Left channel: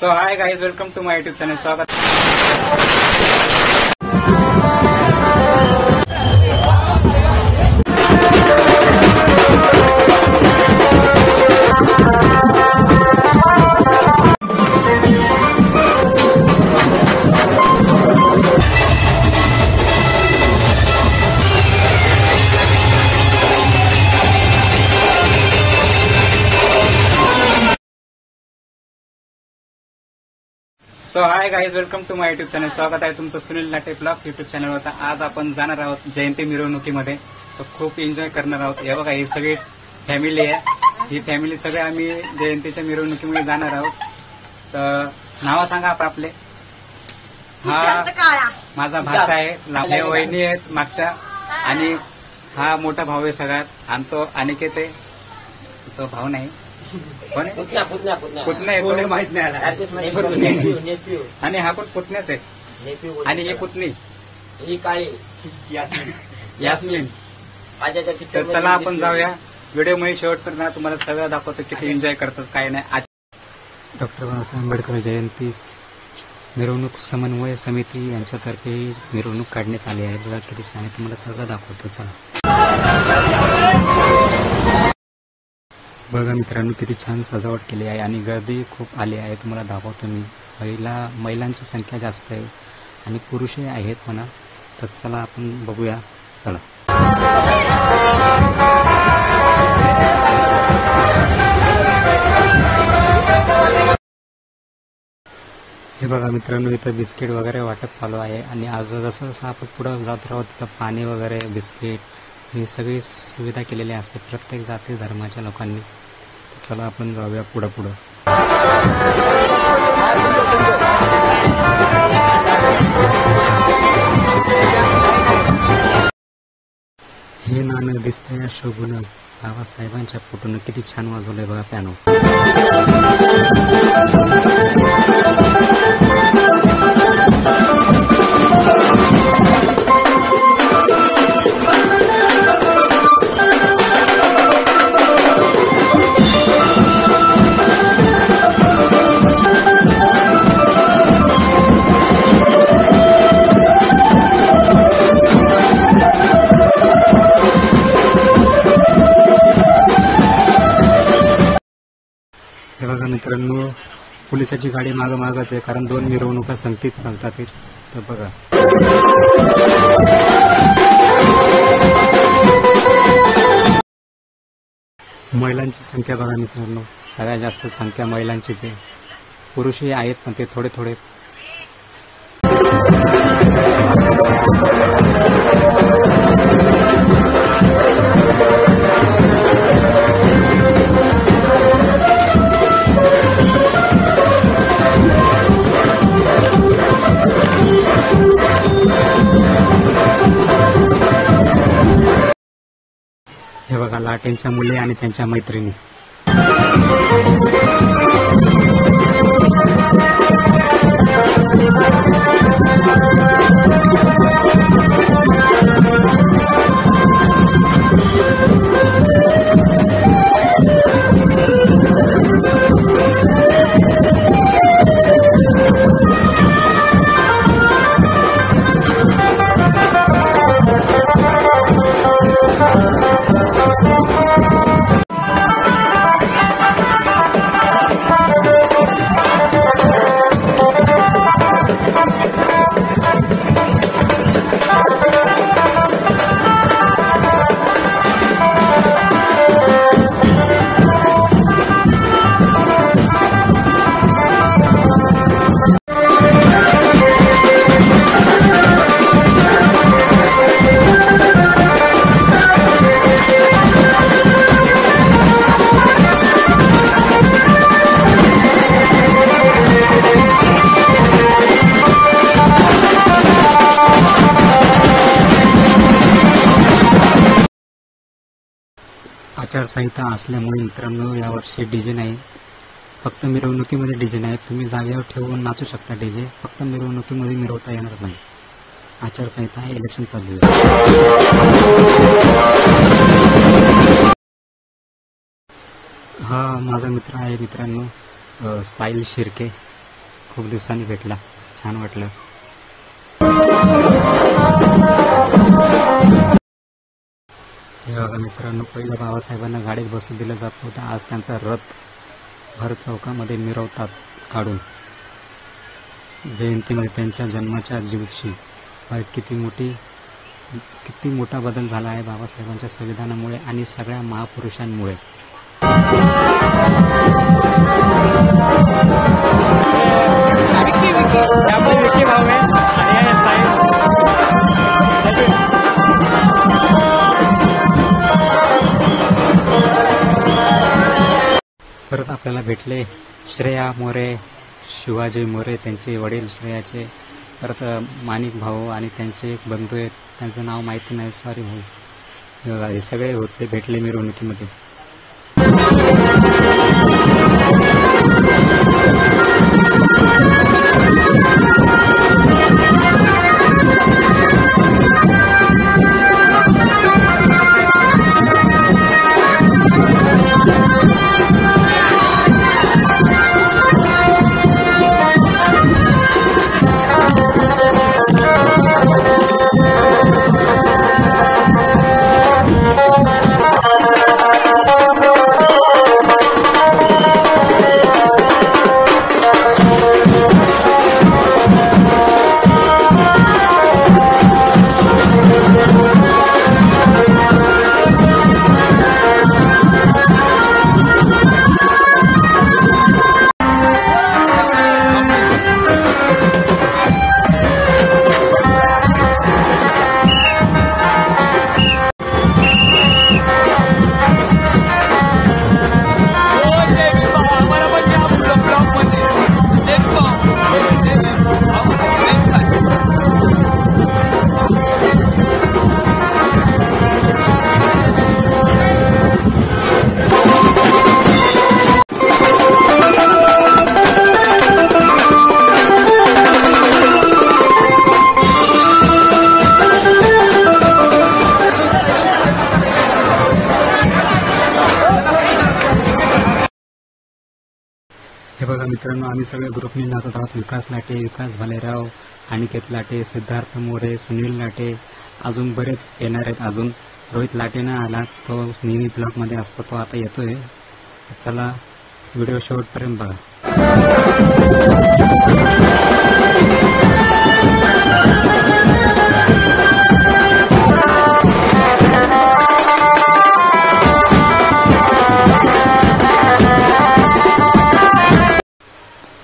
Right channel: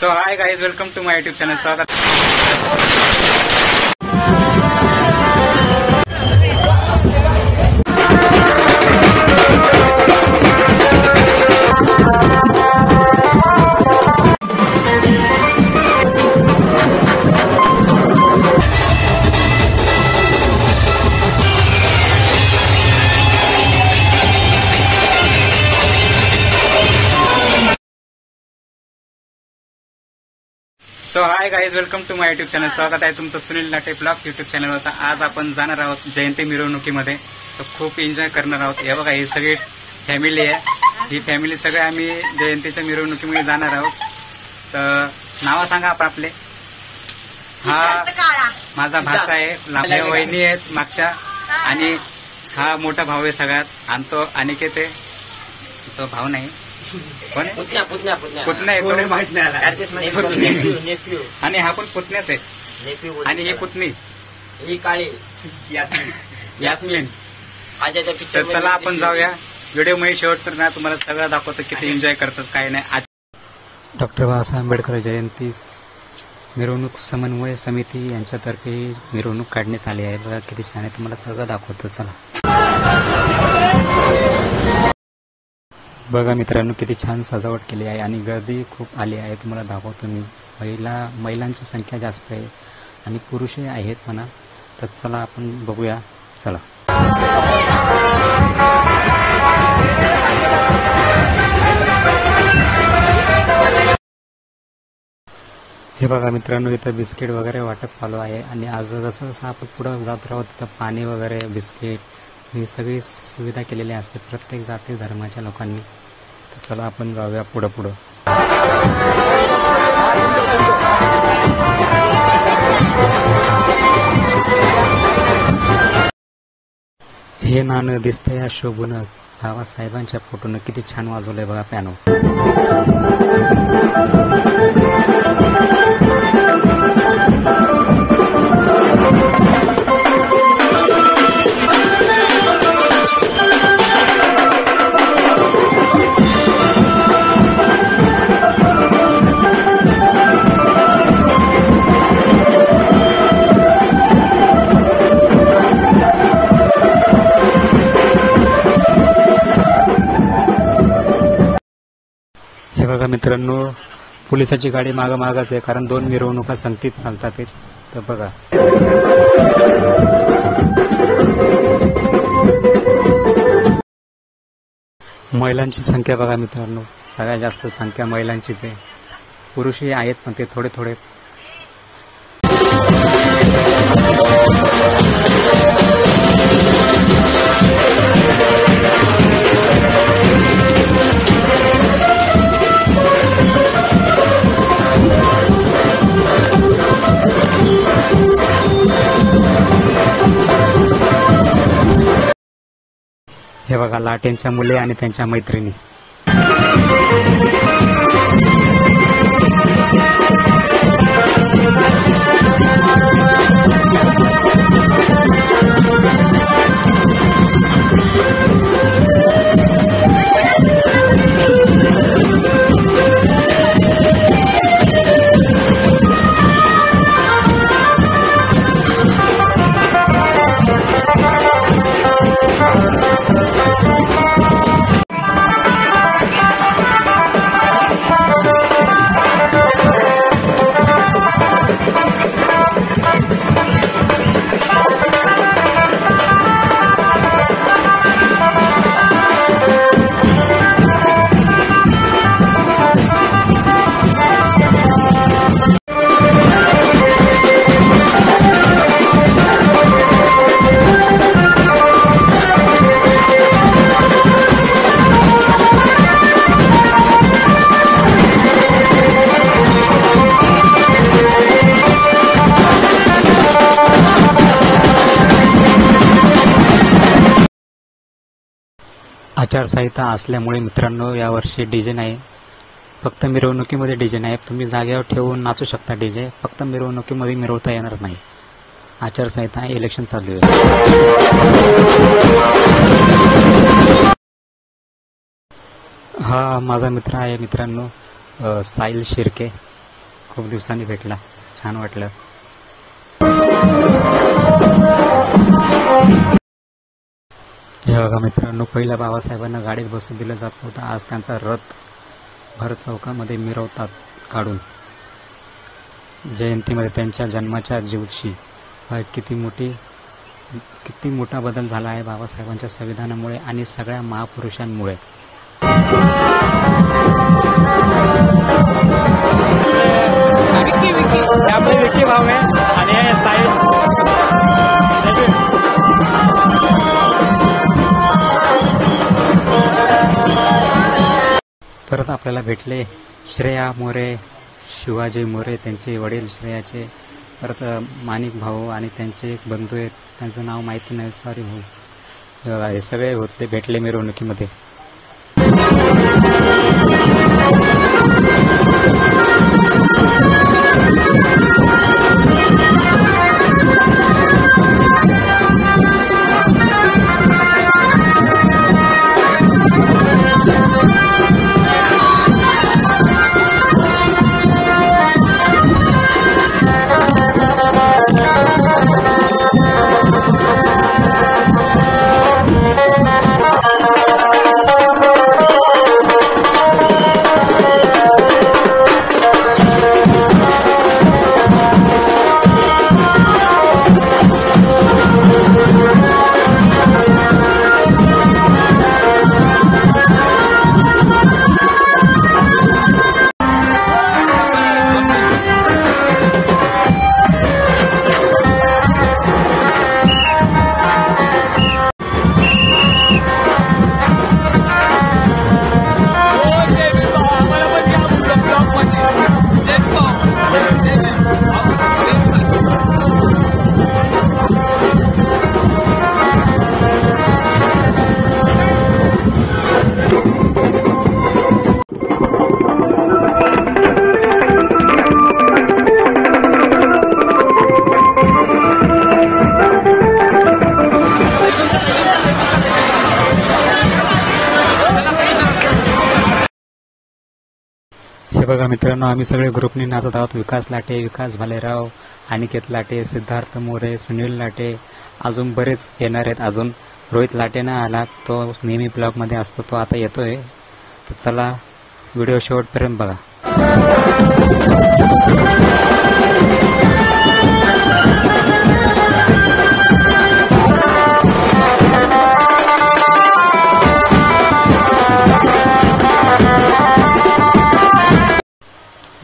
So hi guys, welcome to my YouTube channel. स्वागत. So hi guys, welcome to my YouTube channel. स्वागत आहे तुमचं Sunil latte blogs YouTube चॅनलवर. आज आपण जाणार आहोत जयंती मिरवणुकीमध्ये. तर खूप एन्जॉय करणार आहोत. हे बघा, ही सगळी फॅमिली आहे. ही फॅमिली सगळे आम्ही जयंतीच्या मिरवणुकीमध्ये जाणार आहोत. तर नाव सांगा आपले. हा माझा भाचा आहे, हे वहिनी आहेत मागच्या, आणि हा मोठा भाऊ आहे सगळ्यात. आणि तो अनिकेत आहे. तो भाऊ नाही, कोण आहे? पुतण्या आहे तो, माहित नाही. आणि हा पण पुतण्याच आहे. आणि ही पुतणी, ही काळी यास्मिन. तर चला आपण जाऊया व्हिडिओ मध्ये शेवटपर्यंत. तुम्हाला सगळं दाखवतो किती एन्जॉय करतात काय नाही. डॉक्टर बाबासाहेब आंबेडकर जयंती मिरवणूक समन्वय समिती यांच्यातर्फे मिरवणूक काढण्यात आली आहे. बघा किती छान आहे, तुम्हाला सगळं दाखवतो. चला बघा मित्रांनो, किती छान सजावट केली आहे आणि गर्दी खूप आली आहे. तुम्हाला दाखवतो मी. महिलांची संख्या जास्त आहे आणि पुरुषही आहेत म्हणा. तर चला आपण बघूया. चला. हे बघा मित्रांनो, इथं बिस्किट वगैरे वाटप चालू आहे. आणि आज जसं जसं आपण पुढे जात राहू तिथं पाणी वगैरे, बिस्किट, ही सगळी सुविधा केलेली असते प्रत्येक जाती धर्माच्या लोकांनी. तर चला आपण जाऊया पुढं पुढं. हे नाणं दिसतंय शोभून बाबासाहेबांच्या फोटोनं. किती छान वाजवलंय बघा पियानो. बघा मित्रांनो, पोलिसाची गाडी मागच आहे, कारण दोन मिरवणुका संगतीत चालतात. तर बघा, महिलांची संख्या बघा मित्रांनो, सगळ्यात जास्त संख्या महिलांचीच आहे. पुरुषही आहेत पण ते थोडे थोडे. हे बघा, लाटेंच्या मुलं आणि त्यांच्या मैत्रिणी. आचारसंहिता असल्यामुळे मित्रांनो यावर्षी डीजे नाही, फक्त मिरवणुकीमध्ये डीजे नाही. तुम्ही जागेवर ठेवून नाचू शकता डीजे, फक्त मिरवणुकीमध्ये मिरवता येणार नाही. आचारसंहिता, इलेक्शन चालू आहे. हा माझा मित्र आहे मित्रांनो, साहिल शिर्के. खूप दिवसांनी भेटला, छान वाटलं. हे बघा मित्रांनो, पहिल्या बाबासाहेबांना गाडीत बसू दिलं जात नव्हतं. आज त्यांचा रथ भर चौकामध्ये मिरवतात काढून. जयंतीमध्ये त्यांच्या जन्माच्या दिवशी किती मोठा बदल झाला आहे बाबासाहेबांच्या संविधानामुळे आणि सगळ्या महापुरुषांमुळे. परत आपल्याला भेटले श्रेया मोरे, शिवाजी मोरे, त्यांचे वडील श्रेयाचे, परत माणिक भाऊ आणि त्यांचे एक बंधू आहेत, त्यांचं नाव माहिती नाही, सॉरी भाऊ. हे सगळे होते भेटले मिरवणुकीमध्ये. हे बघा मित्रांनो, आम्ही सगळे ग्रुपने नाचत आहोत. विकास लाटे, विकास भालेराव, अनिकेत लाटे, सिद्धार्थ मोरे, सुनील लाटे, अजून बरेच येणार आहेत. अजून रोहित लाटे नाही आला, तो नेहमी ब्लॉगमध्ये असतो, तो आता येतोय. तर चला व्हिडिओ शेवटपर्यंत बघा.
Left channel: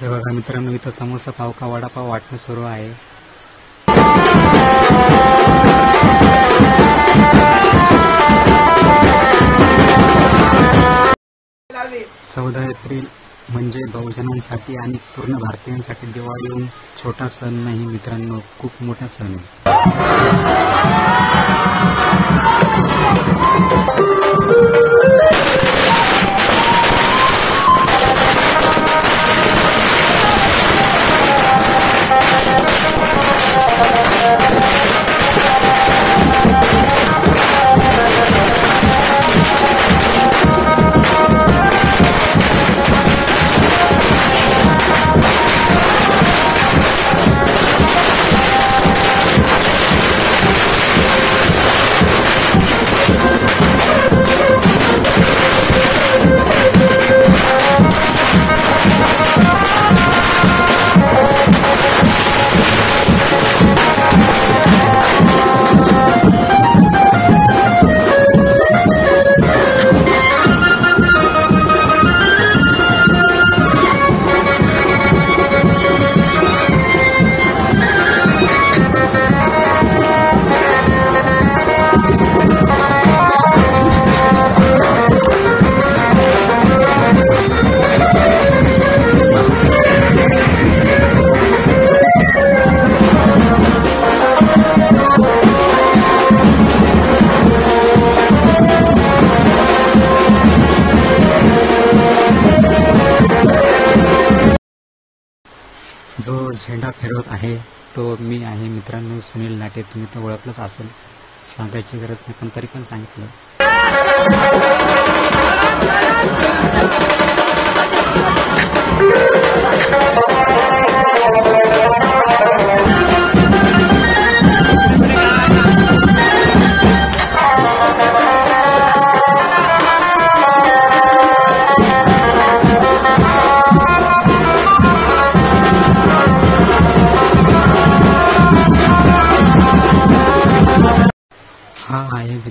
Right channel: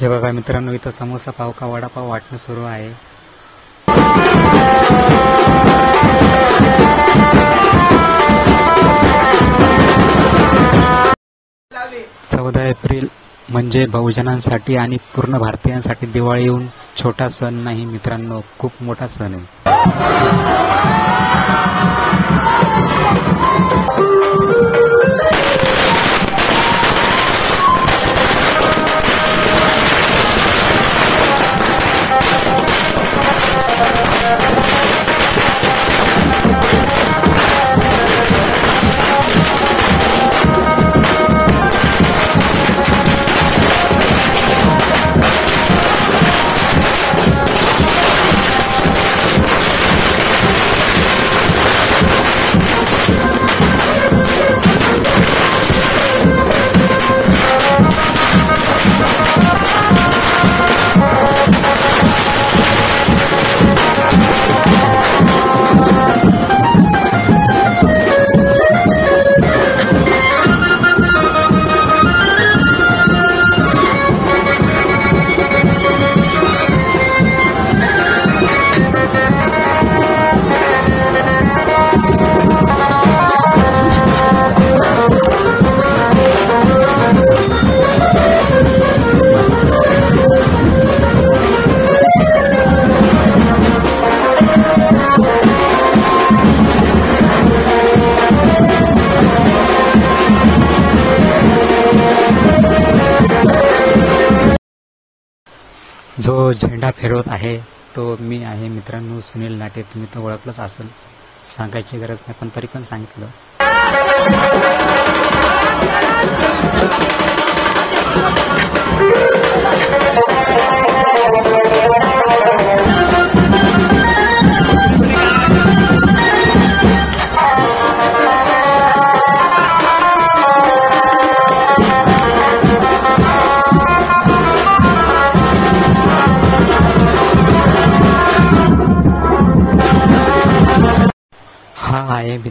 हे बघा मित्रांनो, इथं समोसा, पाव का वडापाव वाटणं सुरू आहे. एप्रिल म्हणजे बहुजनांसाठी आणि पूर्ण भारतीयांसाठी दिवाळी येऊन छोटा सण नाही मित्रांनो, खूप मोठा सण आहे. जो झेंडा फिरवत आहे तो मी आहे मित्रांनो, सुनील लाटे. तुम्ही तो ओळखलंच असेल, सांगायची गरज नाही, पण तरी पण सांगितलं.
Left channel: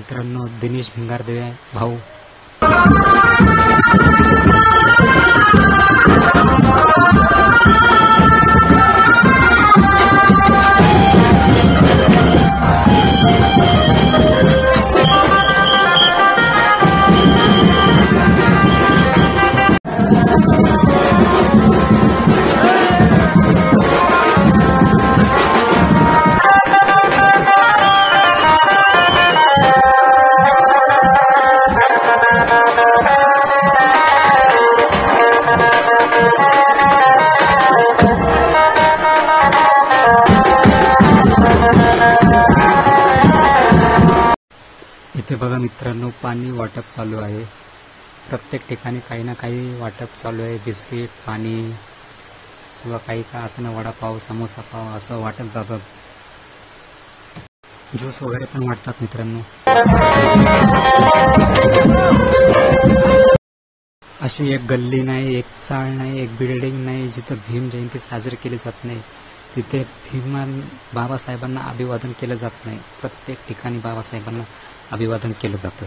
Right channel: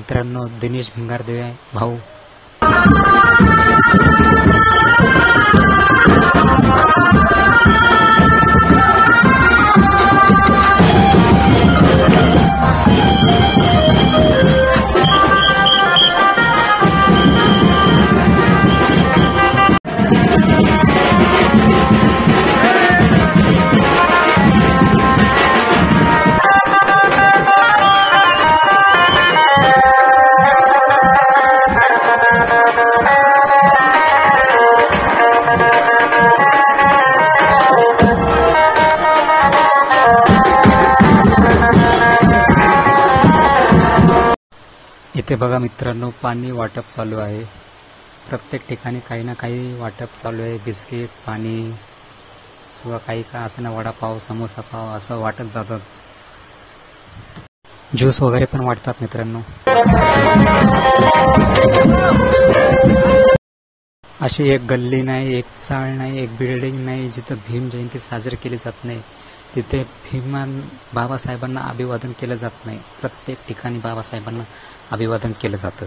मित्रांनो दिनेश भिंगारदे भाऊ. इथे बघा मित्रांनो पाणी वाटप चालू आहे. प्रत्येक ठिकाणी काही ना काही वाटप चालू आहे. बिस्किट, पाणी किंवा काही का असं ना, वडापाव, समोसा पाव असं वाटत जातात. ज्यूस वगैरे पण वाटतात मित्रांनो. अशी एक गल्ली नाही, एक चाळ नाही, एक बिल्डिंग नाही जिथं भीम जयंती साजरी केली जात नाही. तिथे बाबासाहेबांना अभिवादन केलं जात नाही. प्रत्येक ठिकाणी बाबासाहेबांना अभिवादन केलं जातं.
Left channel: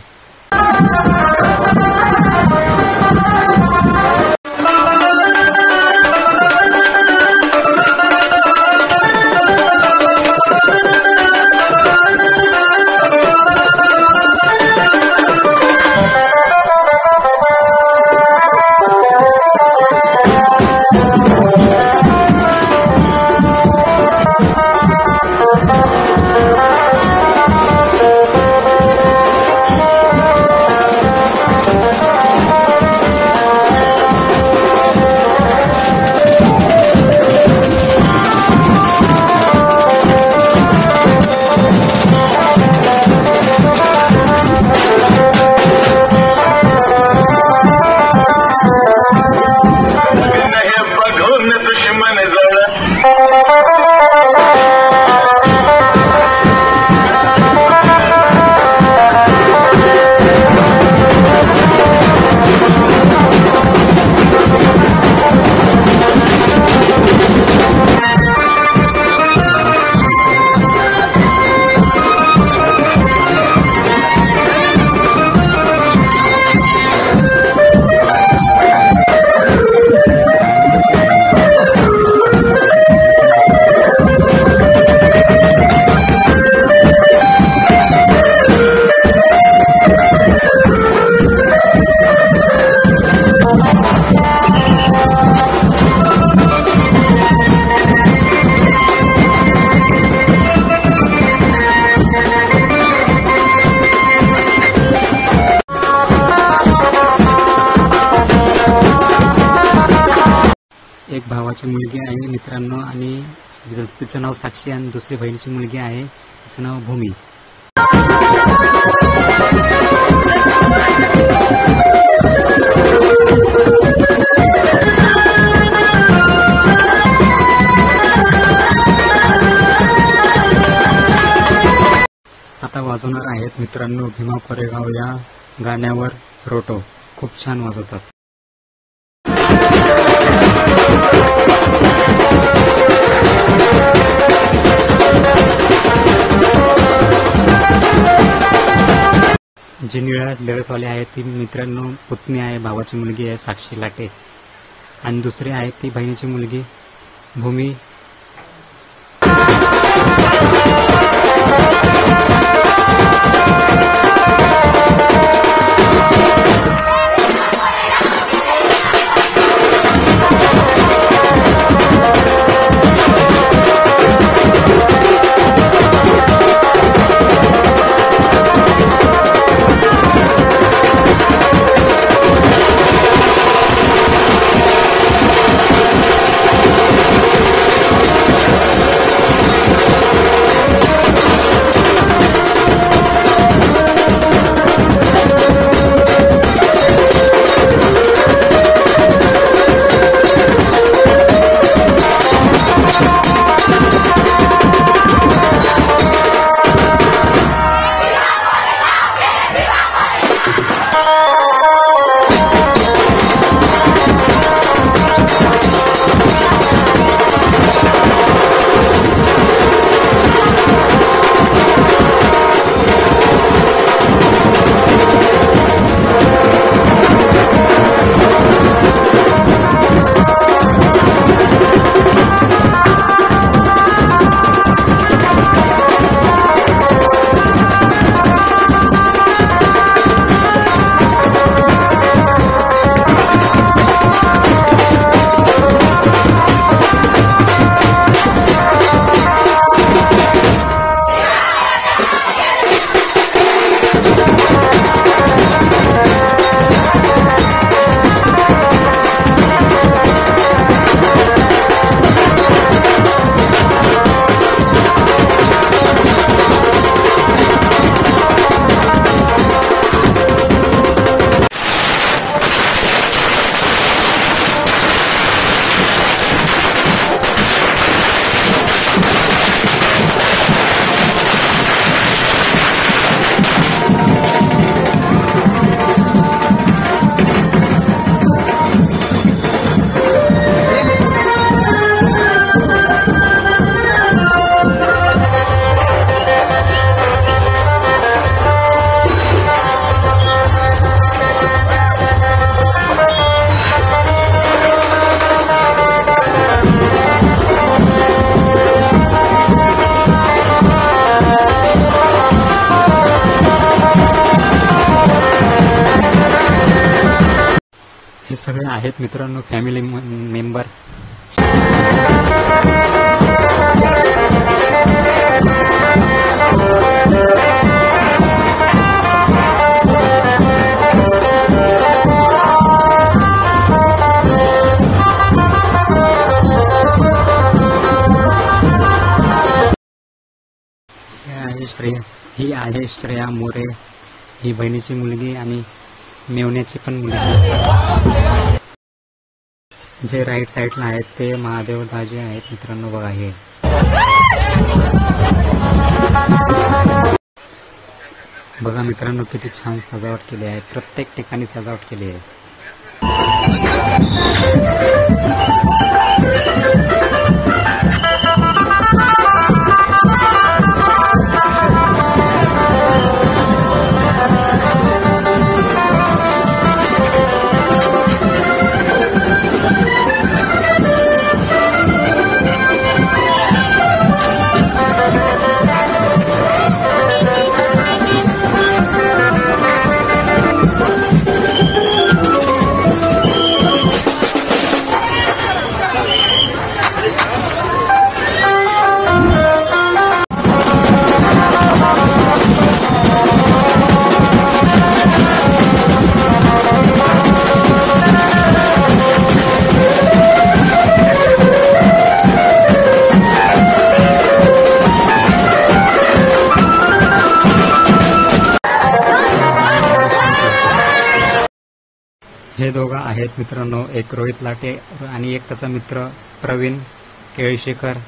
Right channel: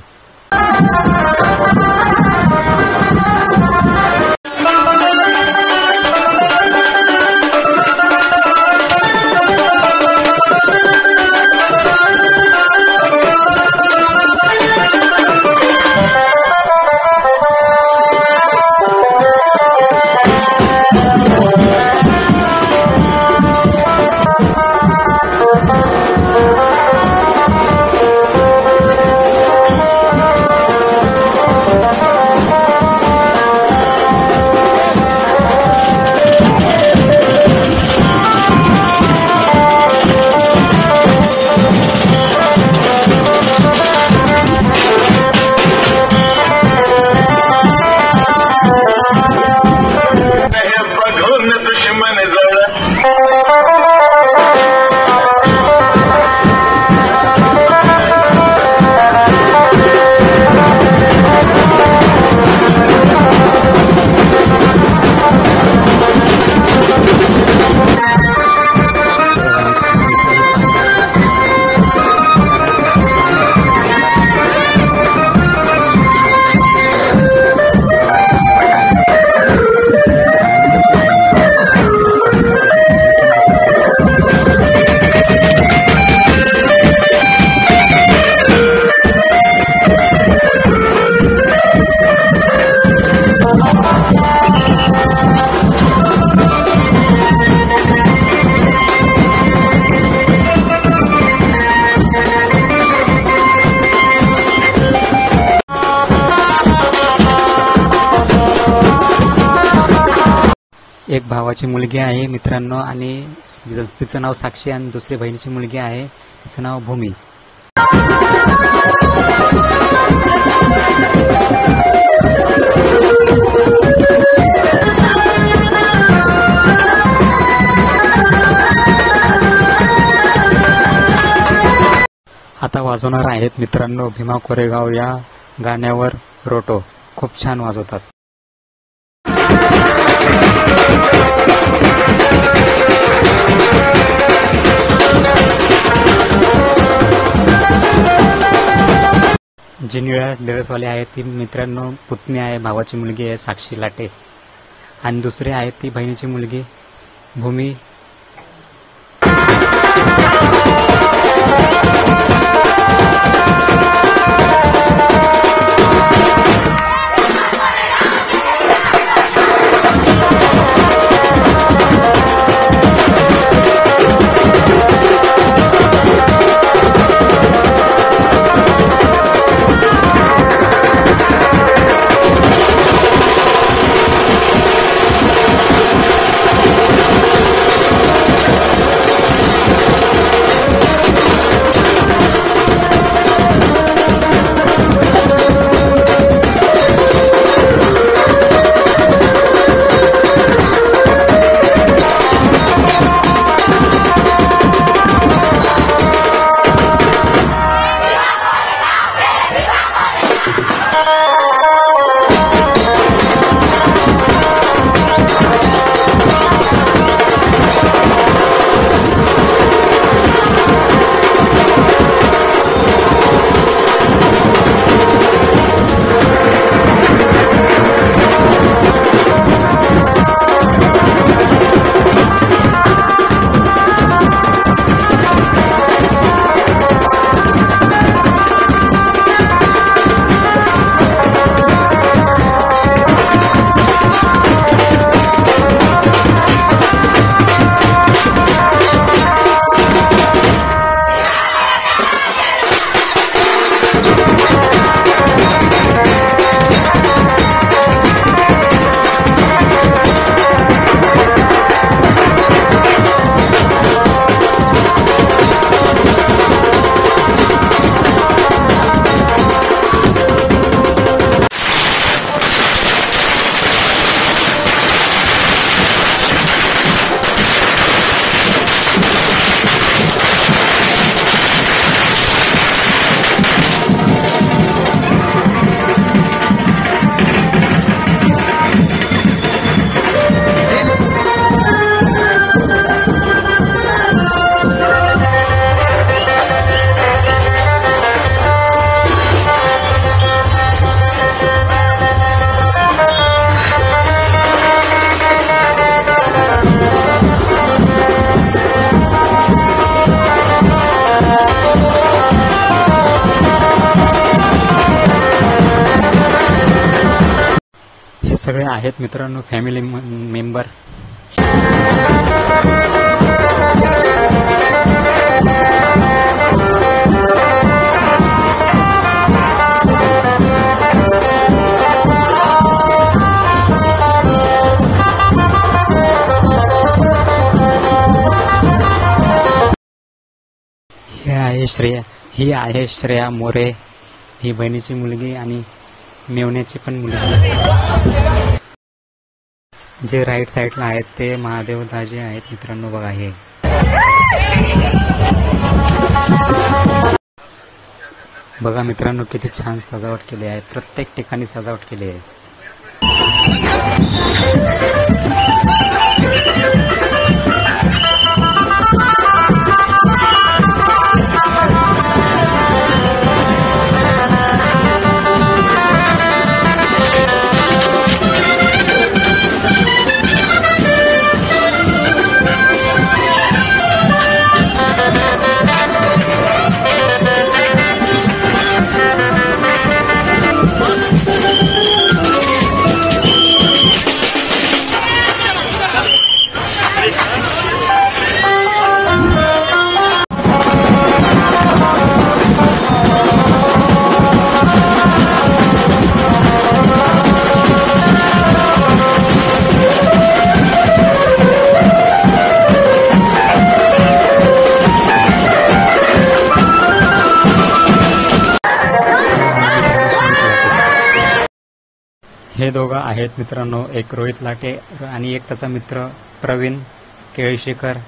एक भावाची मुलगी आहे मित्रांनो आणि तिचं नाव साक्षी आणि दुसरी बहिणीची मुलगी आहे तिचं नाव भूमी. आता वाजवणार आहेत मित्रांनो भीमा कोरेगाव या गाण्यावर रोटो. खूप छान वाजवतात. जी निळ्या ड्रेसवाले आहेत ती मित्रांनो पुतणी आहे, भावाची मुलगी आहे साक्षी लाटे आणि दुसरी आहे ती बहिणीची मुलगी भूमी. सगळे आहेत मित्रांनो फॅमिली मेंबर. ही आहे श्रेया मोरे, ही बहिणीची मुलगी आणि मेवण्याची पण मुलगी. जे राईट साईडला आहेत ते महादेव दाजी आहेत मित्रांनो. बघा हे बघा मित्रांनो किती छान सजावट केली आहे. प्रत्येक ठिकाणी सजावट केली आहे. हे दोघं आहेत मित्रांनो, एक रोहित लाटे आणि एक त्याचा मित्र प्रवीण केळशीकर.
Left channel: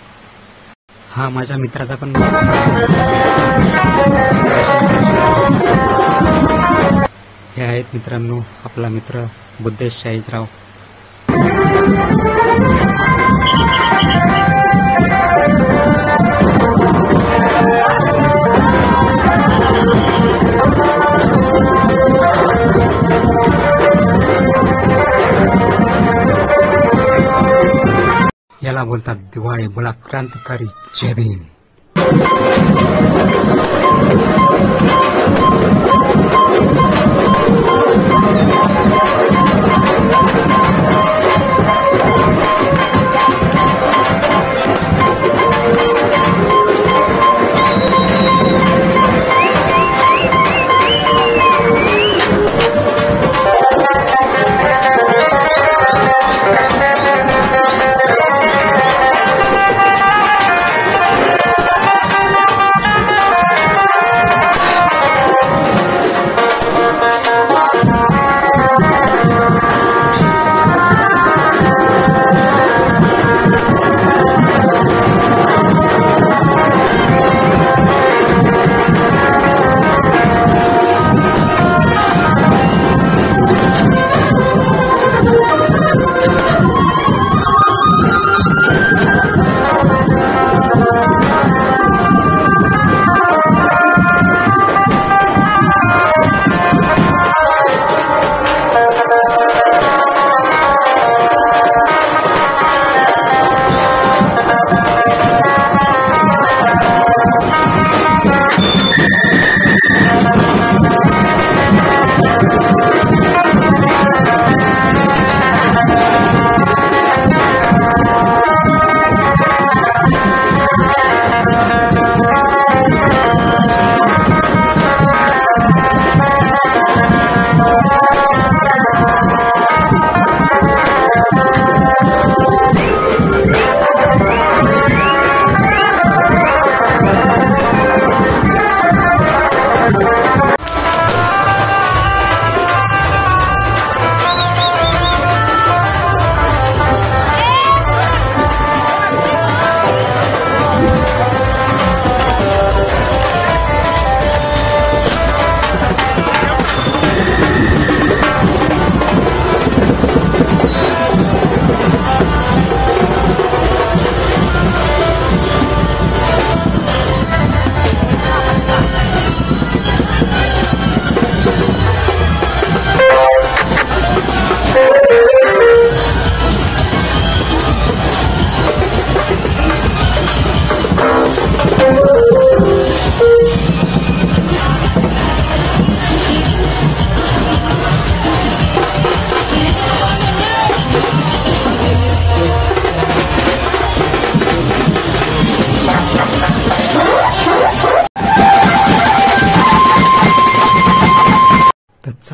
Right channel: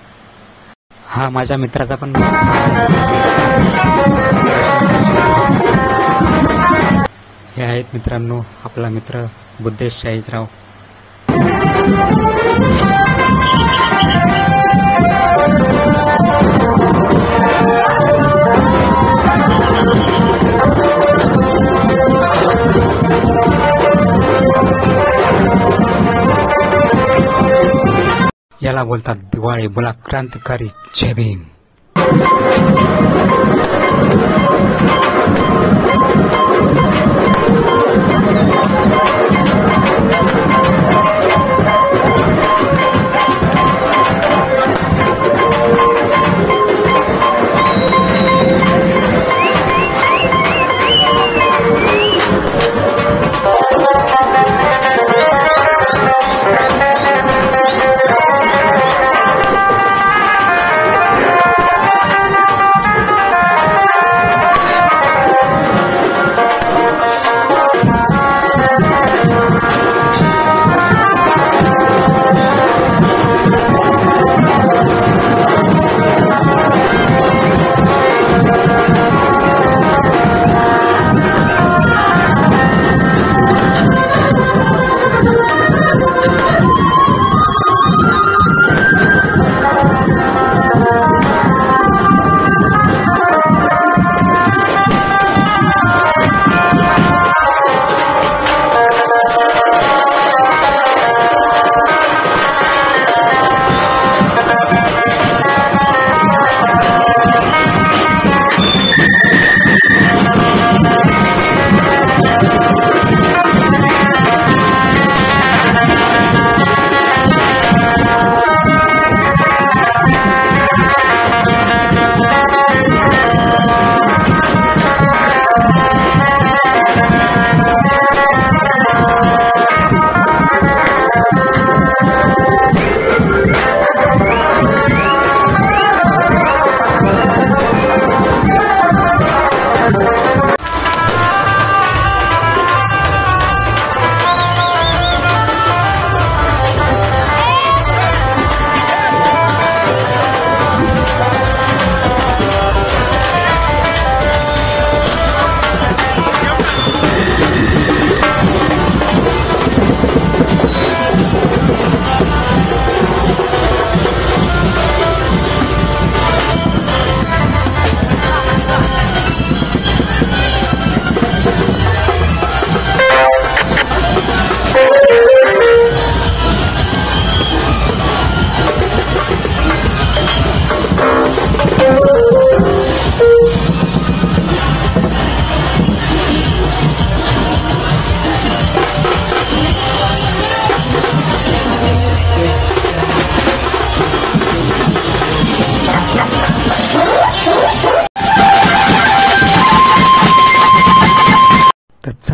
हा माझ्या मित्राचा पण हे आहेत मित्रांनो आपला मित्र बुद्धेश साईजराव. याला बोलतात दिवाळी. बोला क्रांतिकारी जय भीम.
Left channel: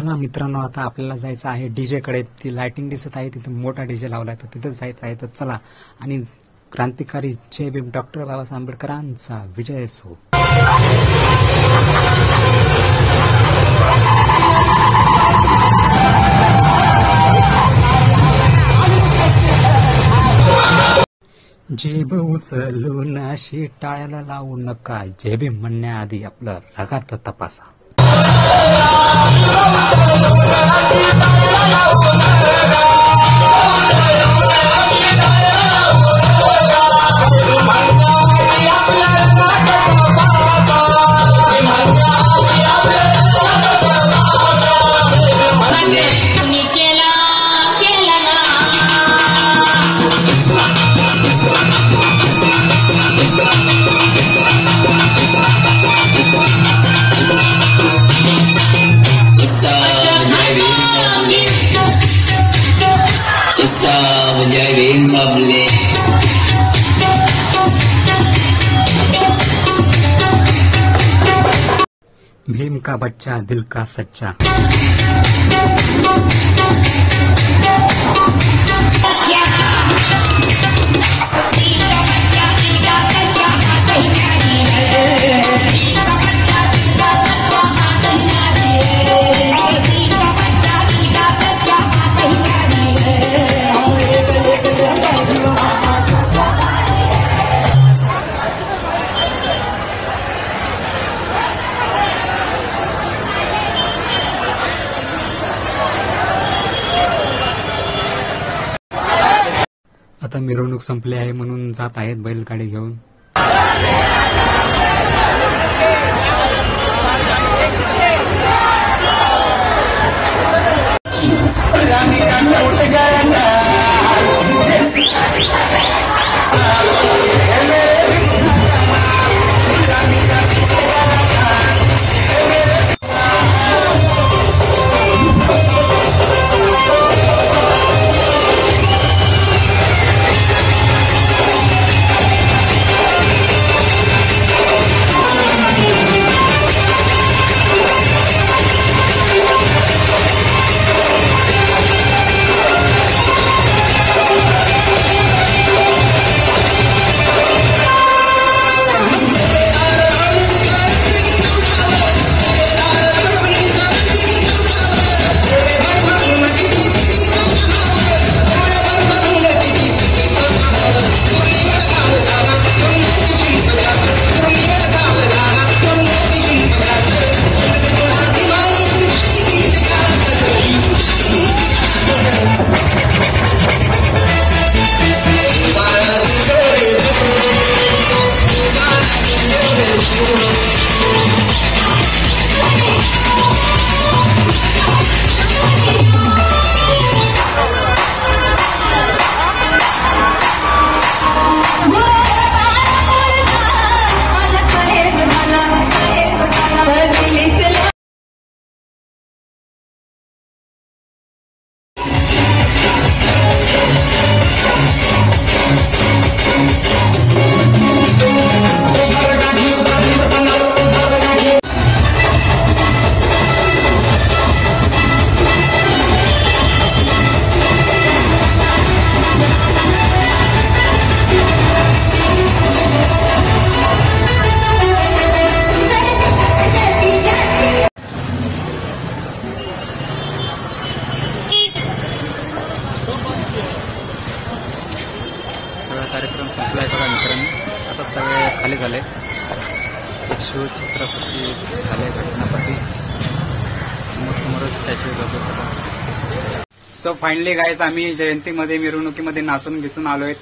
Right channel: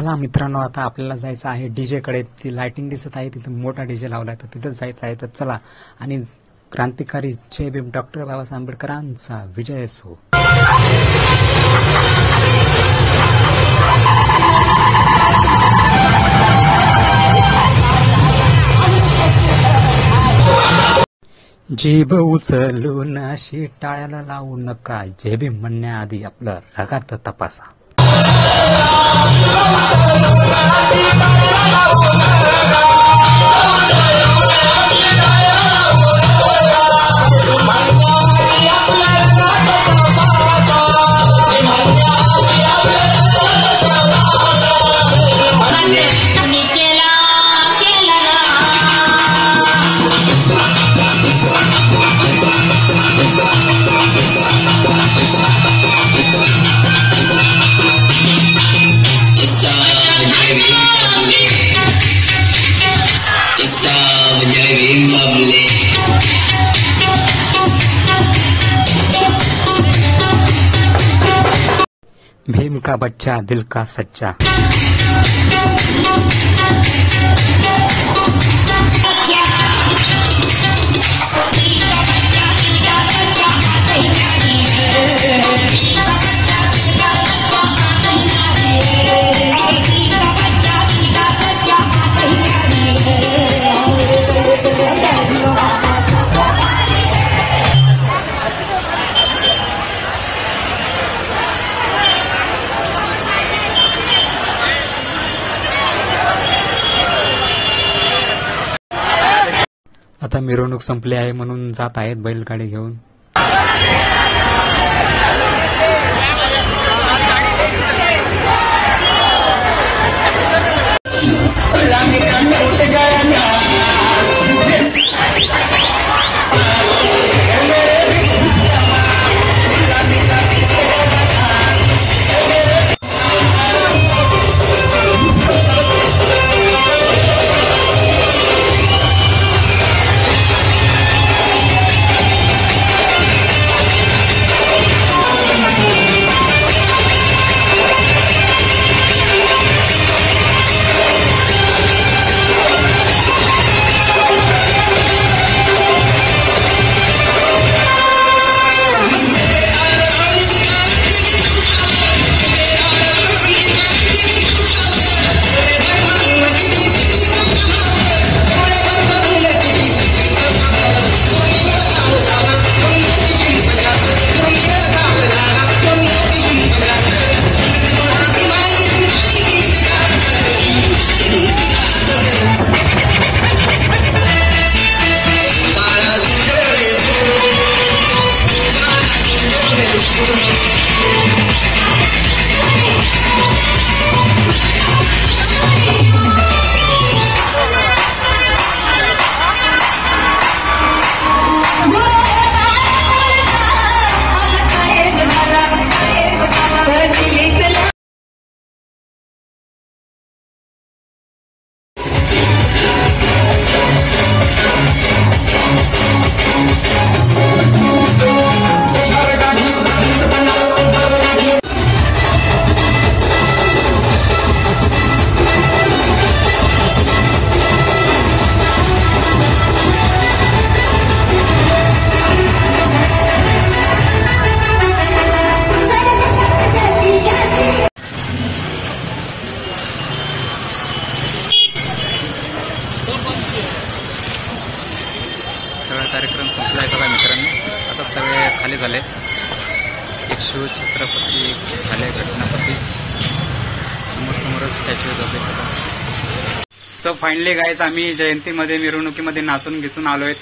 चला मित्रांनो, आता आपल्याला जायचं आहे डीजे कडे. ती लाइटिंग दिसत आहे तिथे मोठा डीजे लावलाय, तर तिथंच जायचं आहे. तर चला. आणि क्रांतिकारी जय भीम डॉक्टर बाबासाहेब आंबेडकरांचा विजय असो. जीभ उचलून अशी टाळ्याला लावू नका. जय भीम म्हणण्याआधी आपलं रगात तपासा. भीम का बच्चा दिल का सच्चा. आता मिरवणूक संपली आहे म्हणून जात आहेत बैलगाडी घेऊन. सगळा कार्यक्रम संपलाय बघा मित्रांनो. आता सगळे खाली झाले. एक शिव छत्रपती, एक झाले घटनापती, समोरच स्टॅच्यू जाते. सो फायनली गाईज, आम्ही जयंतीमध्ये मिरवणुकीमध्ये नाचून घेचून आलोय.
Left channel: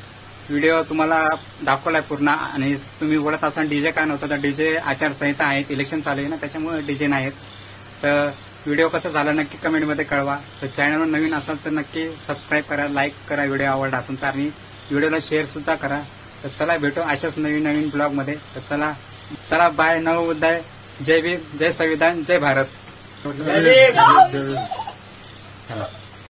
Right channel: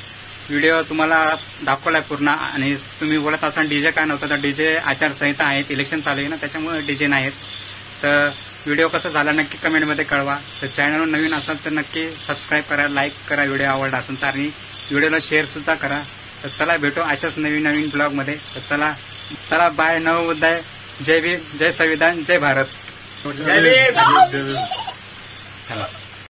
व्हिडिओ तुम्हाला दाखवलाय पूर्ण. आणि तुम्ही बोलत असाल डीजे काय नव्हतं, तर डीजे आचारसंहिता आहेत, इलेक्शन चालू आहे ना, त्याच्यामुळे डीजे नाहीत. तर व्हिडिओ कसा झाला नक्की कमेंटमध्ये कळवा. तर चॅनलवर नवीन असाल तर नक्की सबस्क्राईब करा, लाईक करा, व्हिडिओ आवडला असेल तर, आणि व्हिडिओला शेअर सुद्धा करा. तर चला भेटू अशाच नवीन ब्लॉगमध्ये. तर चला बाय. नवोदय. जय भीम, जय संविधान, जय भारत. चला.